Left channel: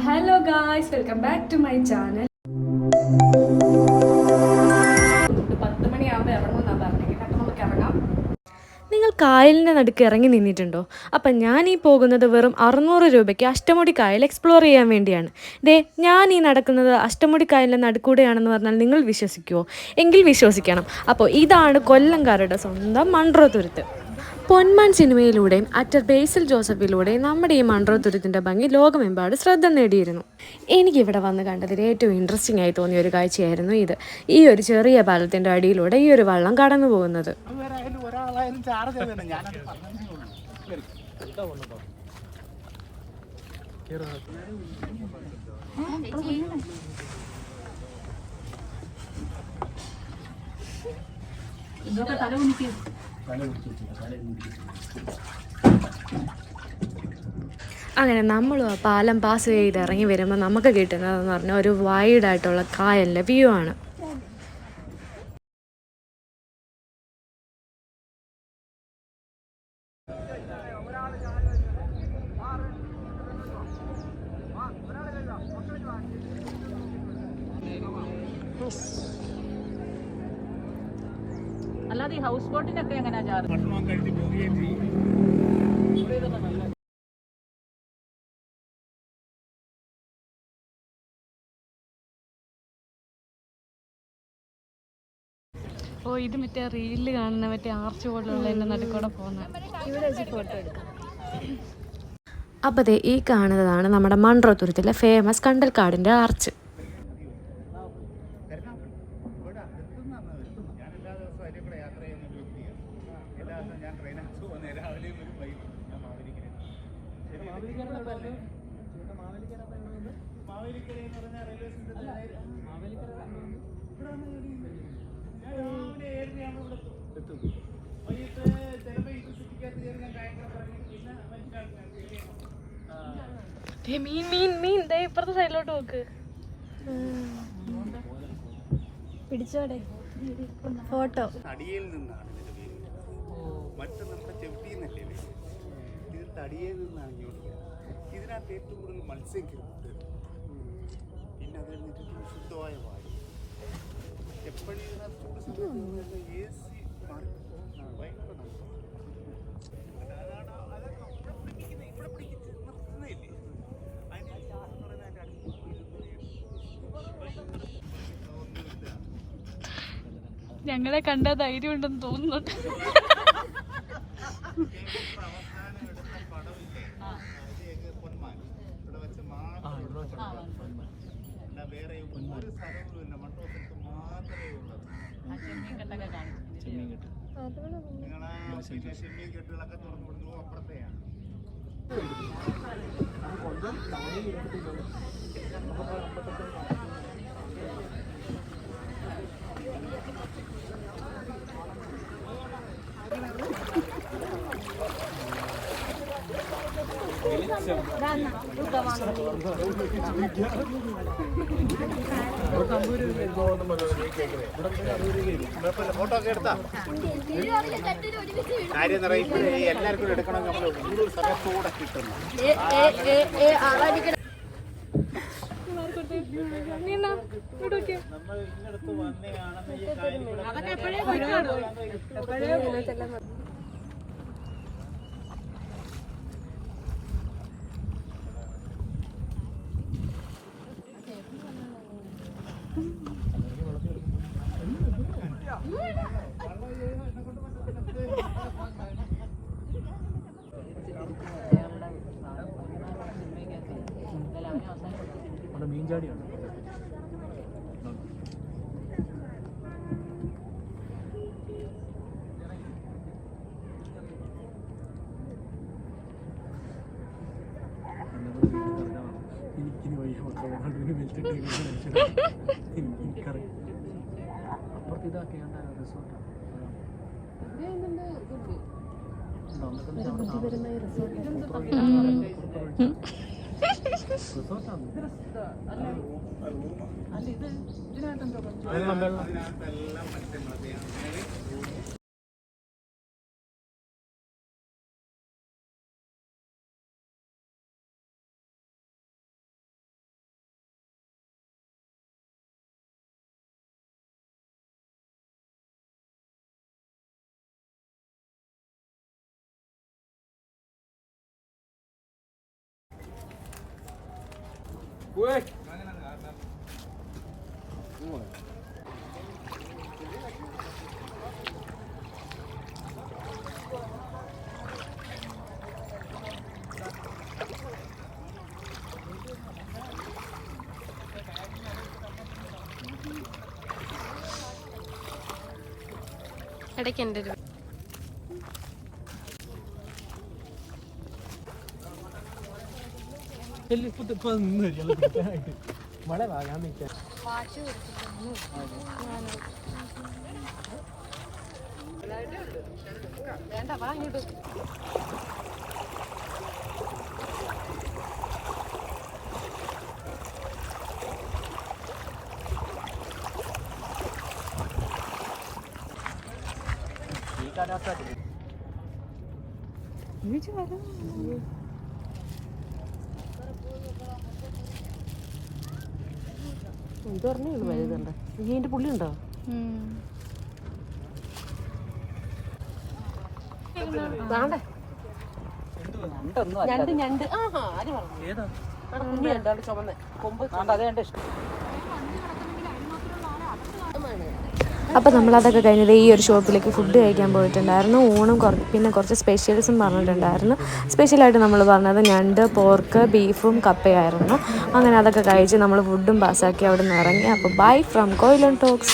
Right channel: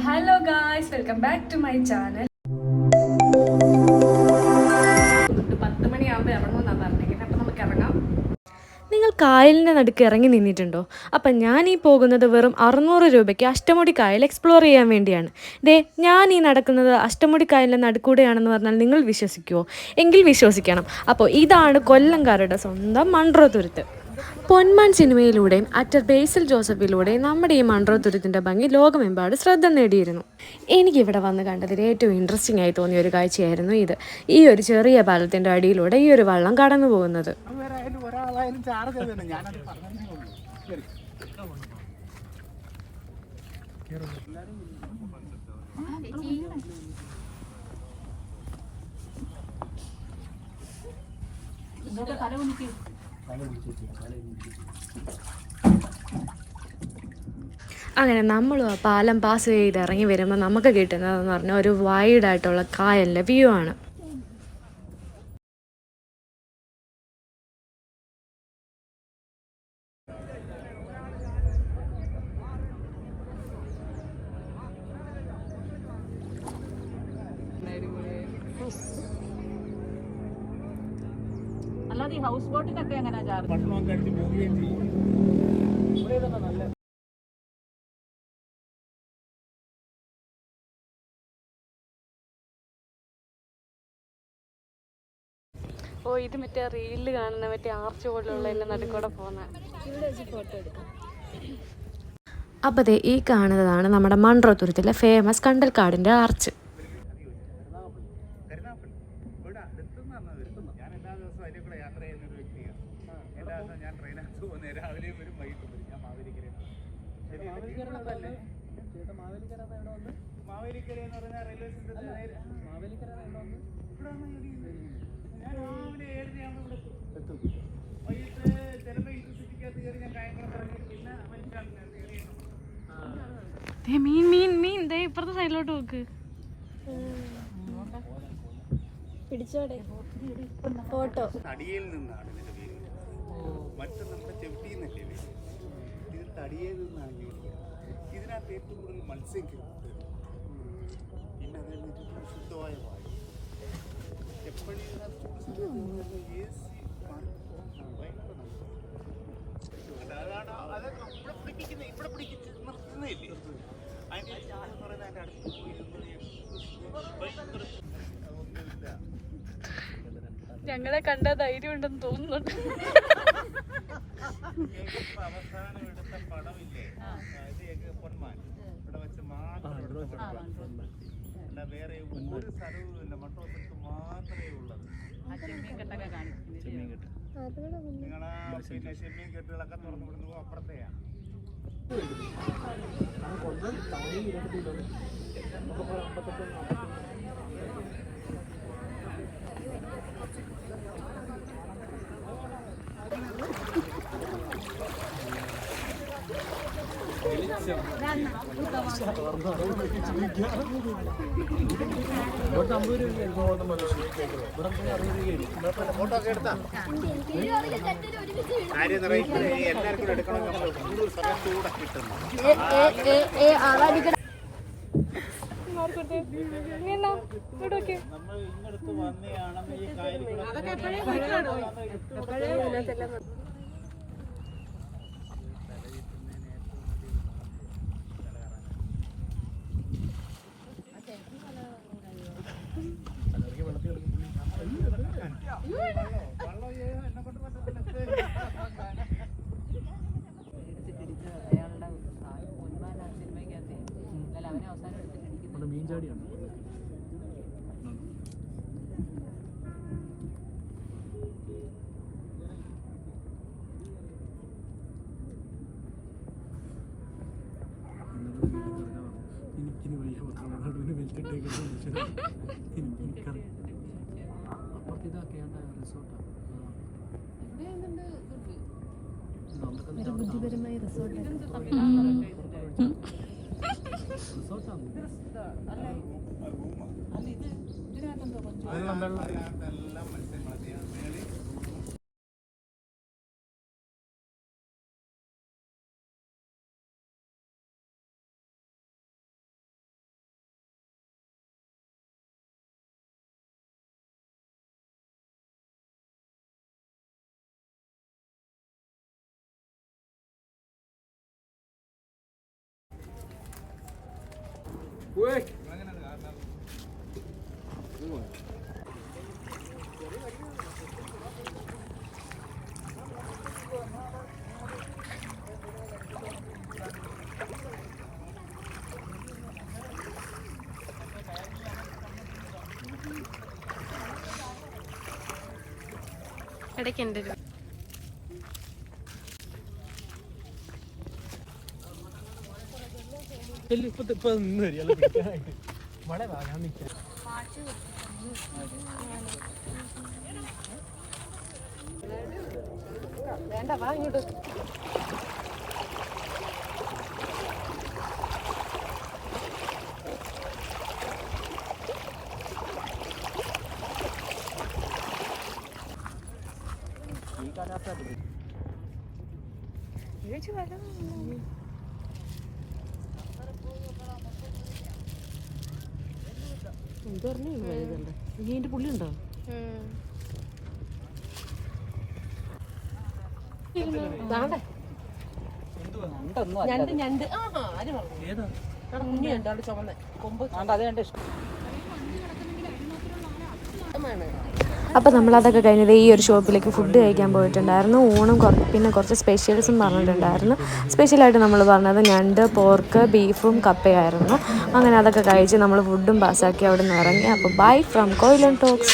Hello guys, welcome back to my channel. 10 മണിയാകുമ്പോൾ ഇറങ്ങുമെന്നാണ് പറഞ്ഞെങ്കിൽ അപ്പം നമുക്ക് ഇറങ്ങാം. നിങ്ങൾ കായലിൻ്റെ നടുക്ക് ഇറങ്ങി നിന്നിട്ടുണ്ടോ? അപ്പം ഞാൻ ഈ പോകുന്നത് വെറും 600 രൂപയ്ക്ക് അഷ്ടമുടി കായൽ എക്സ്പ്ലോർ ചെയ്യാൻ വേണ്ടിയാണ്. ഞാൻ ഈ നടക്കുന്നത് അഷ്ടമുടി കായലിൻ്റെ നടുക്കൂടെയാണെന്ന് പറഞ്ഞാൽ നിങ്ങൾ വിശ്വസിക്കുമോ? എങ്കിൽ വിശ്വസിക്കണം. അപ്പോൾ ഇതാണ് കൊല്ലംകാരുടെ സ്വന്തം മൺട്രോ തുരുത്ത്. പൊന്മാൻ സിനിമയിലൂടെയും ആക്ടർ ബേസിൽ ജോസഫിലൂടെയും നമ്മുടെ ഈ മൺട്രോ തുരുത്തിൻ്റെ ഭംഗി ലോകമെമ്പാട് ശ്രദ്ധ നേടിയിരുന്നു. എനിക്കിവിടെ വന്ന് കണ്ടതിൽ ഏറ്റവും ഇൻട്രസ്റ്റിംഗ് ആയി തോന്നിയ ഒരു കാഴ്ചയായിരുന്നു ഇത്. ഈ ഒരു ചെറിയ പാലത്തിൻ്റെ അടിയിലൂടെ ഈ ഒരു വള്ളം കടന്നു പോകുന്നത്. അങ്ങനെ നമ്മൾ ആ പാലം പാസ് ചെയ്ത് ഇറങ്ങി വരുമ്പോൾ നമുക്ക് കിട്ടുന്നതെന്ന് പറഞ്ഞാൽ ഒരു വൈഡായിട്ടുള്ള കായലിൻ്റെ വ്യൂ ആണ്. അല്ലാതെ ഈ ഹൗസ് ബോട്ടിനൊക്കെ എങ്ങനെയാ ചാർജ്? ഓ, ഇത് മറ്റേ റീലിൽ കാണുന്ന മറ്റേ ആർച്ച് പോലുള്ള എൻ്റെ നടുക്കൂടെ പോകുന്ന. അപ്പോൾ ഈ കാണുന്നതാണ് നമ്മുടെ മൺട്രോ തുരുത്തിലെ ഫേമസ് കണ്ടൽക്കാടിൻ്റെ ആർച്ച്. മീൻ മീൻ മീൻ ഇപ്പുറത്തെ സൈഡിലോട്ട് നോക്ക്. തടിയിൽ നിന്നാണ് ഇതിന്റെ പേര്. മറ്റു നമ്മുടെ ചെവിട്ടിന്നല്ലേ പേര്. ഇത് തടിയിൽ നിന്നാണ് ജോലിക്കുക. ഇതിനകത്ത് ഏറ്റവും കൂടുതൽ മത്സ്യം കിട്ടുന്നത്. പിന്നെ അത് കഴിഞ്ഞിട്ട് ശുദ്ധമായ വായു. എപ്പോഴും ഇതിനകത്ത് AC മാറി ഭയങ്കര അതാണ് ഇവിടെ പിടിപ്പിക്കുന്നത്. ഇവിടെ പിടിപ്പിച്ച് നിർത്തുന്നില്ലേ? അതിൻ്റെ എന്ന് പറയുന്നത് അതിൻ്റെ അടുത്ത് ഒന്നുമില്ല. ഞങ്ങളെ കണ്ടാൽ ധൈര്യം ഉണ്ടെന്ന് തോന്നുന്നുണ്ട്. അവസാനം എടുത്ത പടമില്ലേ, പൊന്മാൻ ഇവിടെ വെച്ച് മാത്രം എടുത്ത പടമാണ്. അല്ല വേറെ ഒരു സ്ഥലവും ഇല്ല, മൺട്രോ സ്ഥലത്ത് മാത്രമേ ഉള്ളത്. നിങ്ങളാ പിന്നെ ചെമ്മീൻ കെട്ടുകളൊക്കെ തുറന്നു വിടുന്നു അപ്പുറത്തെയാണ്. ഫോട്ടോ ഒക്കെ എടുത്താ കാര്യം എല്ലാവർക്കും എടുക്കണം. നമ്മൾ കൂടുതൽ സമയത്തൂടെ കിട്ടുന്നു. നമ്മൾ ഇങ്ങടുത്ത് വന്നെയാണെന്ന് ഈ കാര്യം മീൻചാടിയാണ്. എനിക്കിനി വയ്യ മക്കളെ വെച്ചിട്ടേക്കുന്ന മനുഷ്യരാണ്. എനിക്കറിയാം. അപ്പുറത്ത് ഇതാക്കിയാണ്ട റിസോർട്ടാണ്. റിസോർട്ടാണ്. ഇടയ്ക്ക് എൻ്റെ ഒരു ഇത് പറഞ്ഞേ ഉള്ളൂ വലുതുണ്ട് ഇതിൻ്റെ പുള്ളി ഉണ്ടോ ഞണ്ട് ആഹാ ആര് പറഞ്ഞു ചുമന്ന കൊമ്പ് അപ്പോൾ നമ്മളതൊക്കെ കഴിഞ്ഞത് ഈ ഒരു ഷോപ്പിലേക്ക് ഫുഡ് കഴിക്കാൻ പോയിട്ടുണ്ടായിരുന്നു. ഊണും പിന്നെ കുറച്ച് സ്പെഷ്യൽസും പറഞ്ഞിട്ടുണ്ടായിരുന്നു. സ്പെഷ്യലായിട്ട് നമ്മൾ പറഞ്ഞത് ഞണ്ട്, പോർക്ക്, ബീഫും കപ്പയായിരുന്നു. അങ്ങനെ അതൊക്കെ കഴിച്ച് നമ്മൾ ഫുഡും പാസ്സാക്കി അവിടെ നിന്ന് ഇറങ്ങി. അപ്പോൾ ബൈ ഫ്രം കൊയിലൺ ടോക്സ്.